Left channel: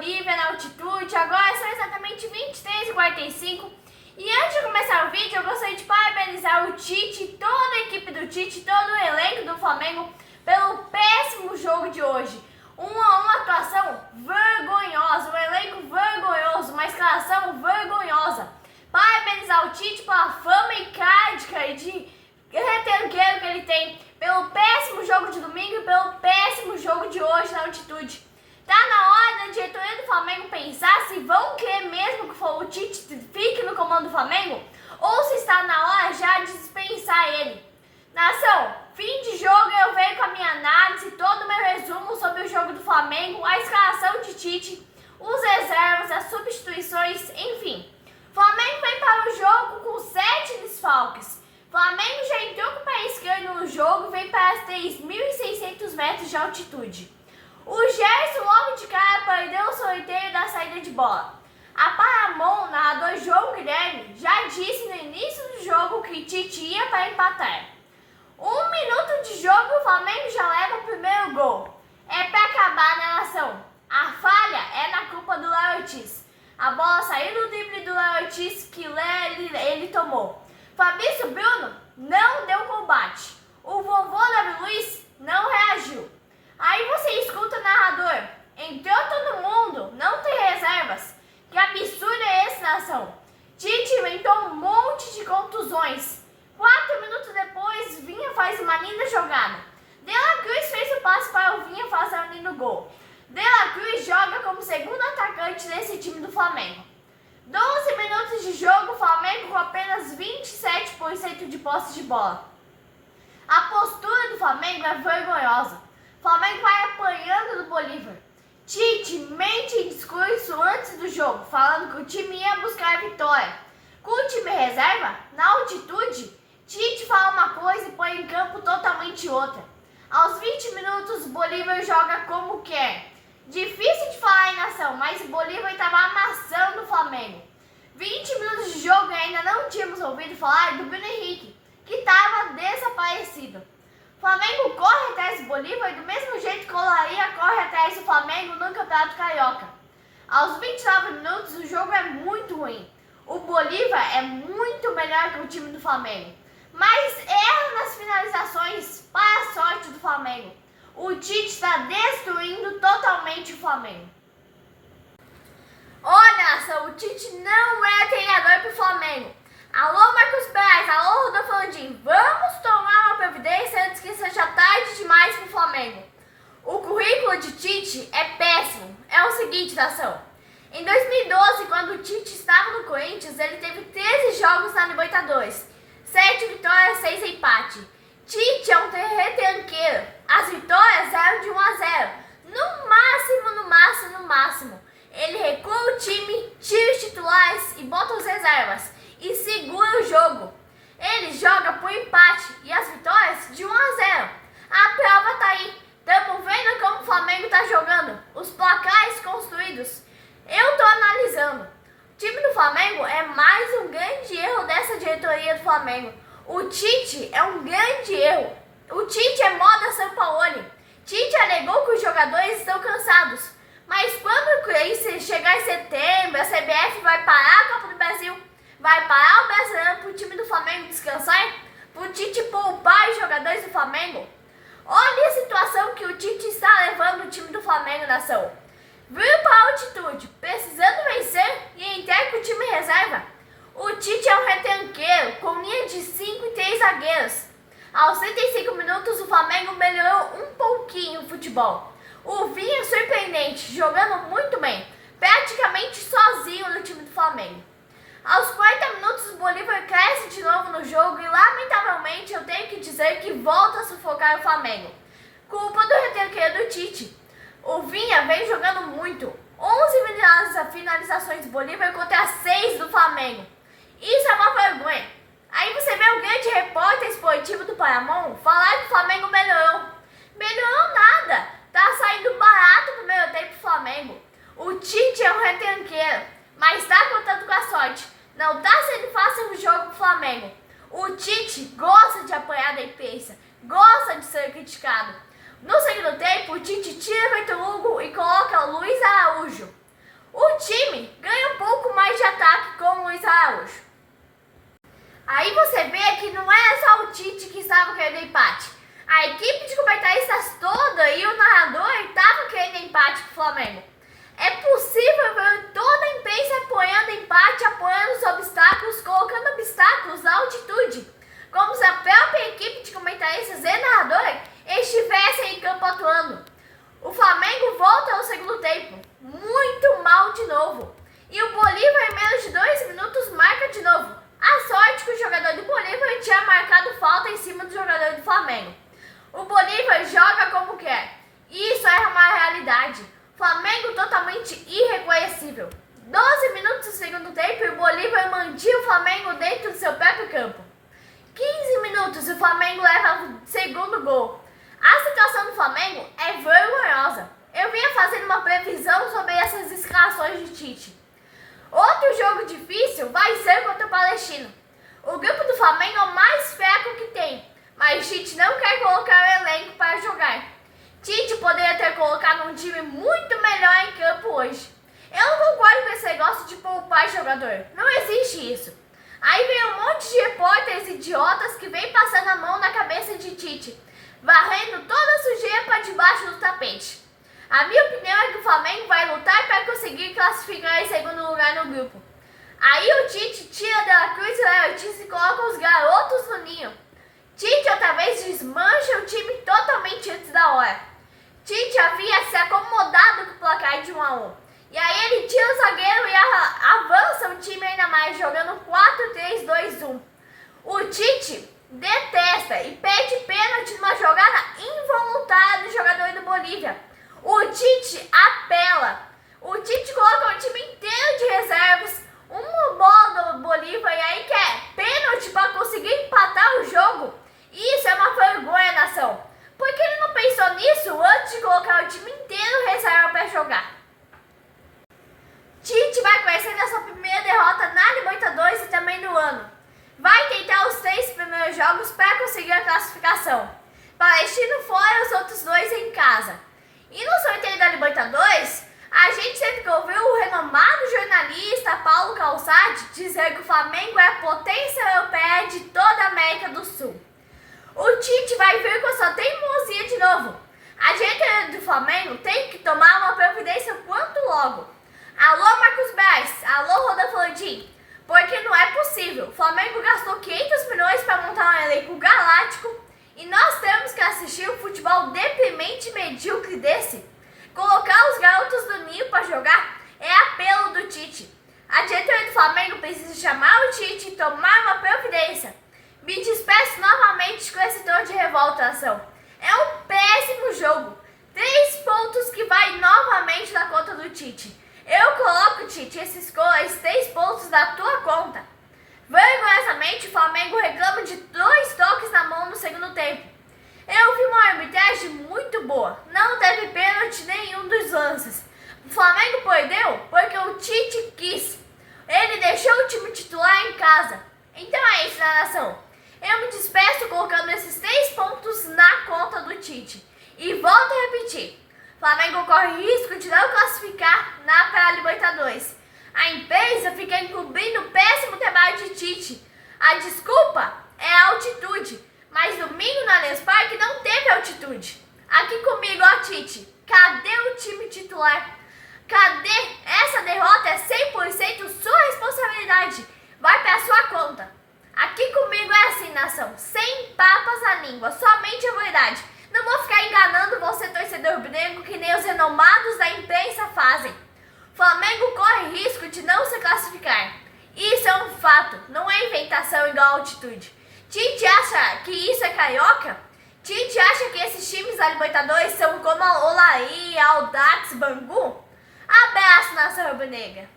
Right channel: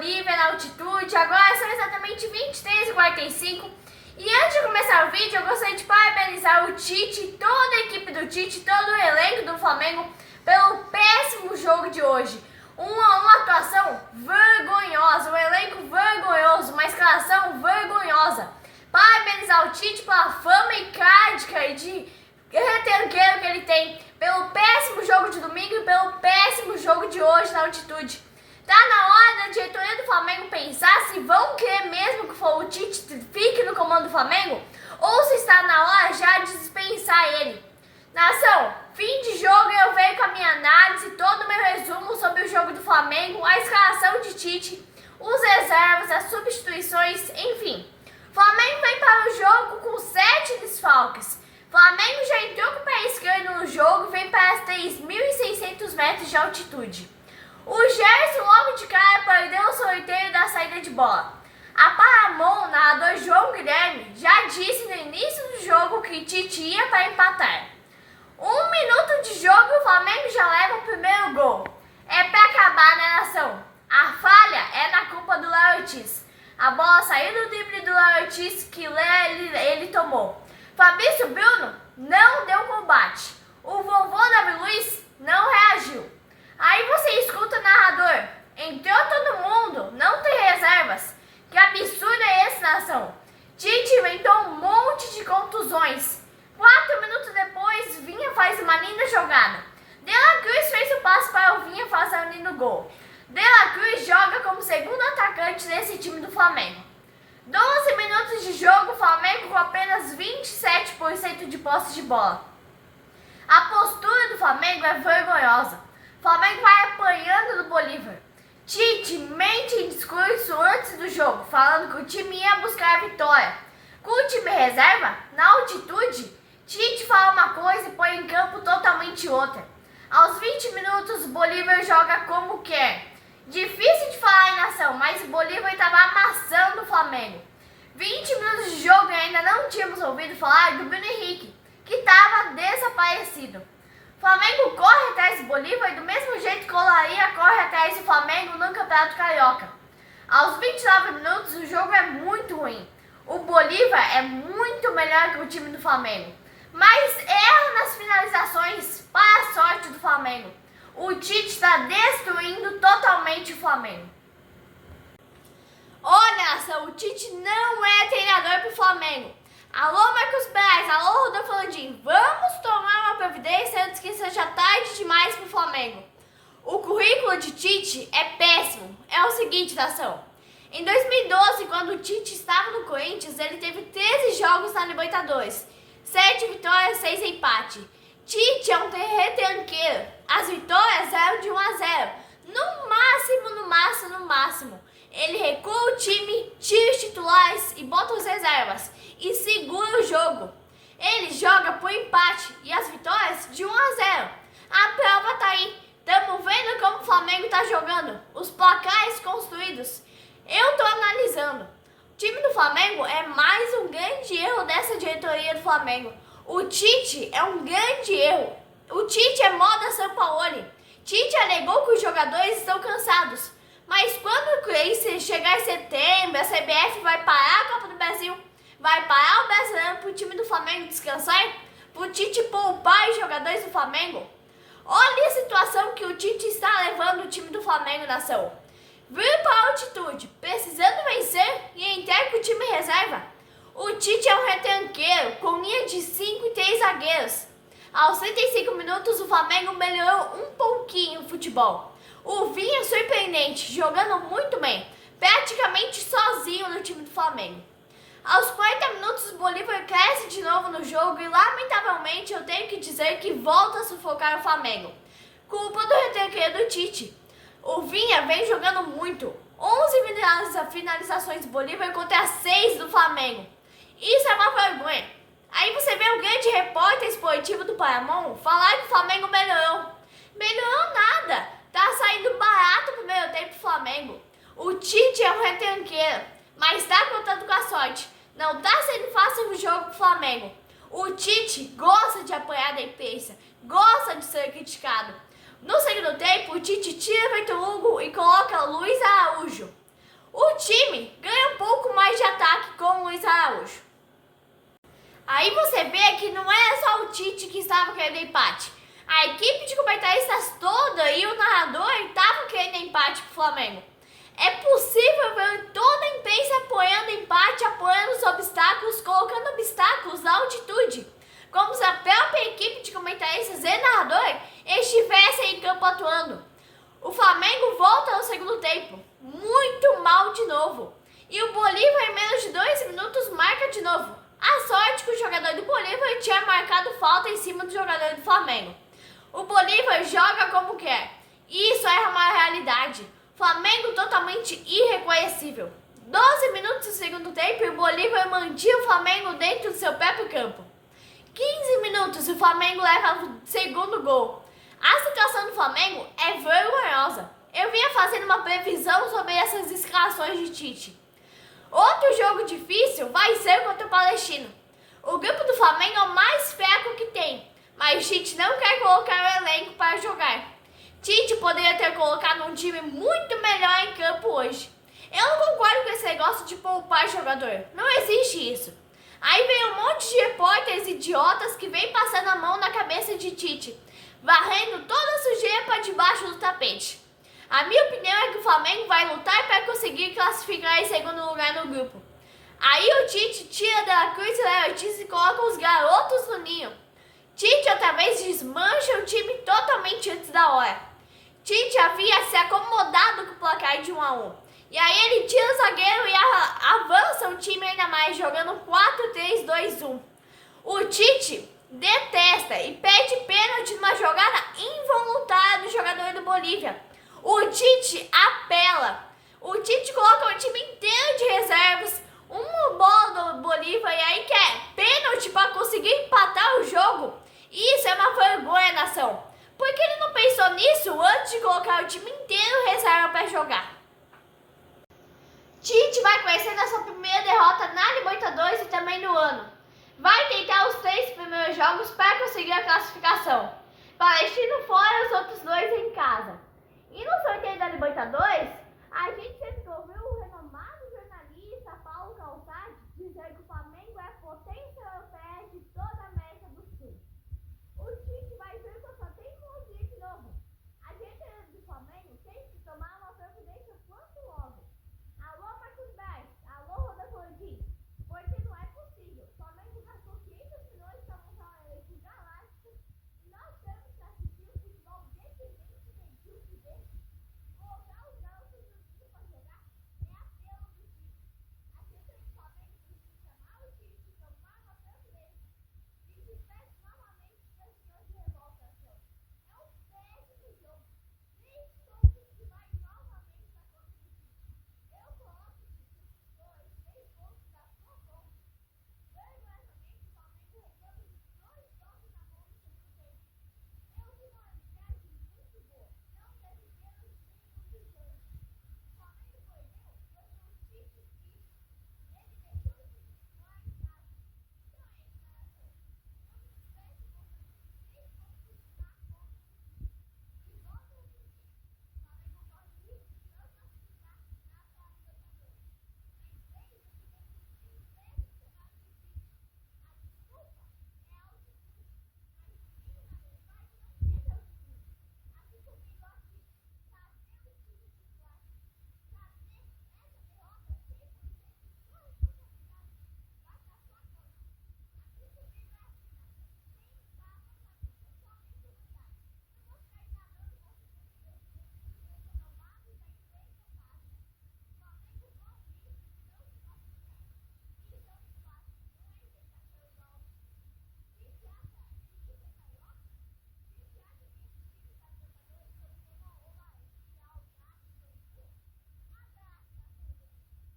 Bolívia na altitude. Agora são exatamente 23h45. E antes de começar o vídeo, eu gostaria de parabenizar o Tite, toda a equipe do Tite, todo o elenco do Flamengo pelo péssimo jogo de hoje. Uma atuação vergonhosa, um elenco vergonhoso, uma escalação vergonhosa. Parabenizar o Tite pela fama icárdica e de retranqueiro que ele tem, pelo péssimo jogo de domingo e pelo péssimo jogo de hoje na altitude. Tá na hora da diretoria do Flamengo pensar se vão querer mesmo que o Tite fique no comando do Flamengo ou se está na hora já de dispensar ele. Nação, fim de jogo eu venho com a minha análise, todo o meu resumo sobre o jogo do Flamengo, a escalação de Tite, os reservas, as substituições, enfim. Flamengo vem para o jogo com 7 desfalques. Flamengo já entrou com o pé esquerdo no jogo e vem para as 3.600 metros de altitude. O Gerson logo de cara perdeu o sorteio da saída de bola. A Paramount, narrador João Guilherme, já disse no início do jogo que Tite ia para empatar. 1 minuto de jogo, o Flamengo já leva o primeiro gol. É para acabar, né, nação? A falha é na culpa do Léo Ortiz. A bola saiu do drible do Léo Ortiz que ele tomou. Fabrício Bruno não deu combate. O vovô Davi Luiz não reagiu. Aí você escuta o narrador. Entrou todo mundo, não tem reservas. Que absurdo é esse, nação? Tite inventou um monte de contusões. 4 minutos depois, Vinha faz uma linda jogada. De La Cruz fez o passe para o Vinha fazer um lindo gol. De La Cruz joga como segundo atacante nesse time do Flamengo. 12 minutos de jogo, Flamengo com apenas 27% de posse de bola. A postura do Flamengo é vergonhosa. O Flamengo vai apanhando do Bolívar. Tite mente em discurso antes do jogo, falando que o time ia buscar a vitória. Com o time reserva, na altitude, Tite fala uma coisa e põe em campo totalmente outra. Aos 20 minutos, o Bolívar joga como quer. Difícil de falar em nação, mas o Bolívar estava amassando o Flamengo. 20 minutos de jogo e ainda não tínhamos ouvido falar do Bruno Henrique, que estava desaparecido. O Flamengo corre atrás do Bolívar do mesmo jeito que o Olaria corre atrás do Flamengo no Campeonato Carioca. Aos 29 minutos, o jogo é muito ruim. O Bolívar é muito melhor que o time do Flamengo, mas erra nas finalizações para a sorte do Flamengo. O Tite está destruindo totalmente o Flamengo. Olha, nação, o Tite não é treinador para o Flamengo. Alô, Marcos Braz, alô, Rodolfo Landim, vamos tomar uma providência antes que seja tarde demais para o Flamengo. O currículo de Tite é péssimo. É o seguinte, nação. Em 2012, quando o Tite estava no Corinthians, ele teve 13 jogos na Libertadores, 7 vitórias, 6 empates. Tite é um retranqueiro. As vitórias eram de 1 a 0. No máximo. Ele recua o time, tira os titulares e bota os reservas. E segura o jogo. Ele joga por empate e as vitórias de 1 a 0. A prova tá aí. Estamos vendo como o Flamengo tá jogando. Os placares construídos. Eu tô analisando. O time do Flamengo é mais um grande erro dessa diretoria do Flamengo. O Tite é um grande erro. O Tite é moda Sampaoli. Tite alegou que os jogadores estão cansados. Mas quando chegar em setembro, a CBF vai parar a Copa do Brasil, vai parar o Brasileiro para o time do Flamengo descansar, para o Tite poupar os jogadores do Flamengo. Olha a situação que o Tite está levando o time do Flamengo, nação. Viu para a altitude, precisando vencer e entrar com o time reserva. O Tite é um retranqueiro, com linha de 5 e 3 zagueiros. Aos 35 minutos, o Flamengo melhorou um pouquinho o futebol. O Vinha é surpreendente, jogando muito bem, praticamente sozinho no time do Flamengo. Aos 40 minutos, o Bolívar cresce de novo no jogo e, lamentavelmente, eu tenho que dizer que volta a sufocar o Flamengo. Culpa do retranqueiro do Tite. O Vinha vem jogando muito. 11 finalizações do Bolívar contra 6 do Flamengo. Isso é uma vergonha. Aí você vê o grande repórter esportivo do Paramount falar que o Flamengo melhorou. Melhorou nada. Tá saindo barato o primeiro tempo do Flamengo. O Tite é um retranqueiro, mas tá contando com a sorte. Não tá sendo fácil o jogo pro Flamengo. O Tite gosta de apanhar da imprensa, gosta de ser criticado. No segundo tempo, o Tite tira Vitor Hugo e coloca Luiz Araújo. O time ganha um pouco mais de ataque com o Luiz Araújo. Aí você vê que não era só o Tite que estava querendo empate. A equipe de comentaristas toda e o narrador estavam querendo empate pro Flamengo. É possível ver toda a imprensa apoiando empate, apoiando os obstáculos, colocando obstáculos na altitude, como se a própria equipe de comentaristas e narrador estivessem em campo atuando. O Flamengo volta ao segundo tempo, muito mal de novo. E o Bolívar, em menos de 2 minutos, marca de novo. A sorte que o jogador do Bolívar tinha marcado falta em cima do jogador do Flamengo. O Bolívar joga como quer. Isso é uma realidade. Flamengo totalmente irreconhecível. 12 minutos do segundo tempo e o Bolívar mantinha o Flamengo dentro do seu próprio campo. 15 minutos e o Flamengo leva o segundo gol. A situação do Flamengo é vergonhosa. Eu vinha fazendo uma previsão sobre essas escalações de Tite. Outro jogo difícil vai ser contra o Palestino. O grupo do Flamengo é o mais fraco que tem, mas Tite não quer colocar o elenco para jogar. Tite poderia ter colocado um time muito melhor em campo hoje. Eu não concordo com esse negócio de poupar jogador. Não existe isso. Aí vem um monte de repórteres idiotas que vem passando a mão na cabeça de Tite, varrendo toda a sujeira para debaixo do tapete. A minha opinião é que o Flamengo vai lutar para conseguir classificar em segundo lugar no grupo. Aí o Tite tira De La Cruz e Léo Ortiz e coloca os garotos no ninho. Tite outra vez desmancha o time totalmente antes da hora. Tite havia se acomodado com o placar de 1-1. E aí ele tira o zagueiro e avança o time ainda mais, jogando 4-3-2-1. O Tite detesta e pede pênalti numa jogada involuntária do jogador do Bolívia. O Tite apela. O Tite coloca o time inteiro de reservas, uma bola do Bolívia e aí quer pênalti para conseguir empatar o jogo. Isso é uma vergonha, nação. Por que ele não pensou nisso antes de colocar o time inteiro reserva para jogar? Tite vai conhecendo a sua primeira derrota na Libertadores e também no ano. Vai tentar os 3 primeiros jogos para conseguir a classificação. Palestino fora e os outros 2 em casa. E no sorteio da Libertadores, a gente sempre ouviu o renomado jornalista Paulo Calçade dizer que o Flamengo é a potência europeia de toda a América do Sul. O Tite vai vir com a sua teimosia de novo. A diretoria do Flamengo tem que tomar uma providência quanto logo. Alô, Marcos Braz, alô, Rodolfo Landim, porque não é possível. O Flamengo gastou 500 milhões para montar um elenco galáctico e nós temos que assistir um futebol deprimente e medíocre desse. Colocar os garotos do ninho para jogar é apelo do Tite. A diretoria do Flamengo precisa chamar o Tite e tomar uma providência. Me despeço novamente com esse tom de revolta, nação. É um péssimo jogo. 3 pontos que vai novamente na conta do Tite. Eu coloco, Tite, esses 3 pontos na tua conta. Vergonhosamente, o Flamengo reclama de 2 toques na mão no segundo tempo. Eu vi uma arbitragem muito boa. Não teve pênalti nenhum dos lances. O Flamengo perdeu porque o Tite quis. Ele deixou o time titular em casa. Então é isso, nação. Eu me despeço colocando esses 3 pontos na conta do Tite. E volto a repetir. Flamengo corre risco de não classificar para a Libertadores. A imprensa fica encobrindo o péssimo trabalho de Tite. A desculpa é a altitude. Mas domingo no Allianz Parque não teve altitude. Aqui comigo, ó Tite. Cadê o time titular? Cadê? Essa derrota é 100% sua responsabilidade. Vai pra sua conta. Aqui comigo é assim, nação. Sem papas na língua. Somente a verdade. Não vou ficar enganando você, torcedor rubro-negro, que nem os renomados da imprensa fazem. Flamengo corre risco de não se classificar. Isso é um fato, não é inventação igual altitude. Tite acha que isso é carioca? Tite acha que esses times da Libertadores são como a Olaria, Audax, Bangu? Abraço, nação rubro-negra.